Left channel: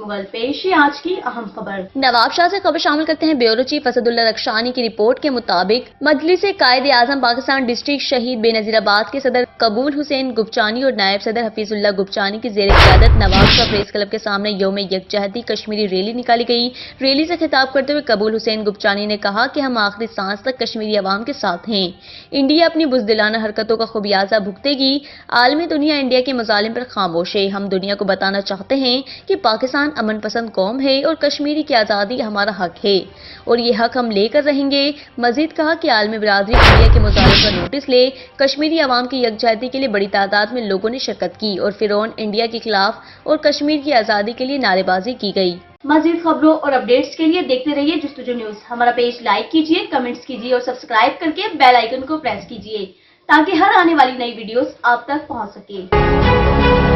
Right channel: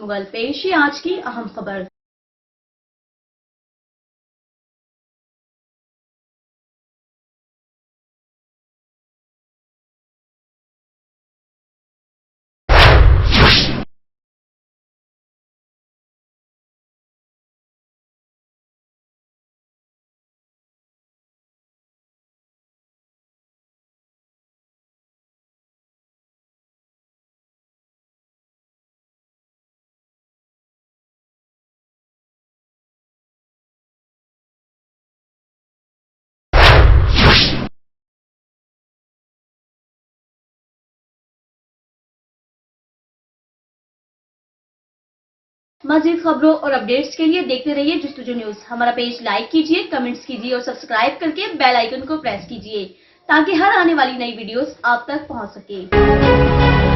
मुगल। पेश है आज की अहम खबर। नवाब शाह से खबर शामिल करते हैं। ब्यूरो चीफ असदुल्ला रक्षानी की रिपोर्ट के मुताबिक मजलिस कायदे आजम पाकिस्तान डिस्ट्रिक्ट शहीद बेनजीराबाद के सदर कबूल हुसैन गुपचानी और नायब सदर हफीजुल्लाह गुपचानी की ज़ेर क़यादत नवाब शाह प्रेस क्लब के सामने यौम यकजहती कश्मीरी रैली निकाली गई। रैली से खिताब करते हुए कबूल हुसैन गुपचानी ने कहा कि हम आखिरी सांस तक कश्मीरी अवाम के साथ हैं। इंडिया अपनी बुज़दिलाना हरकतों का खुमियाजा भुगतेगी। आलमी दुनिया इंडिया के मज़ालिम पर खामोश है। हम दुनिया को बताना चाहते हैं कि पाकिस्तान अमन पसंद कौम है और कश्मीरी की आज़ादी हमारा हक है और ये हक हम लेकर रहेंगे। मजीद कहा कि आलमी बिरादरी इंडिया के मुजालिम पर नोटिस ले। कश्मीरी अवाम की यकजहती के लिए बड़ी तादाद में लोगों ने शिरकत की और फिरौन इंडिया के खिलाफ और कश्मीर की आज़ादी के लिए नारेबाजी की गई। मजीद खबरों और अपडेट्स के लिए देखते रहिए जस्तुजू न्यूज। हमारा पेज लाइक कीजिए, कमेंट्स कीजिए और सब्सक्राइब करके बेल आइकन को प्रेस कीजिए ताकि हर आने वाली नई वीडियोस आप तक पहुंच सके।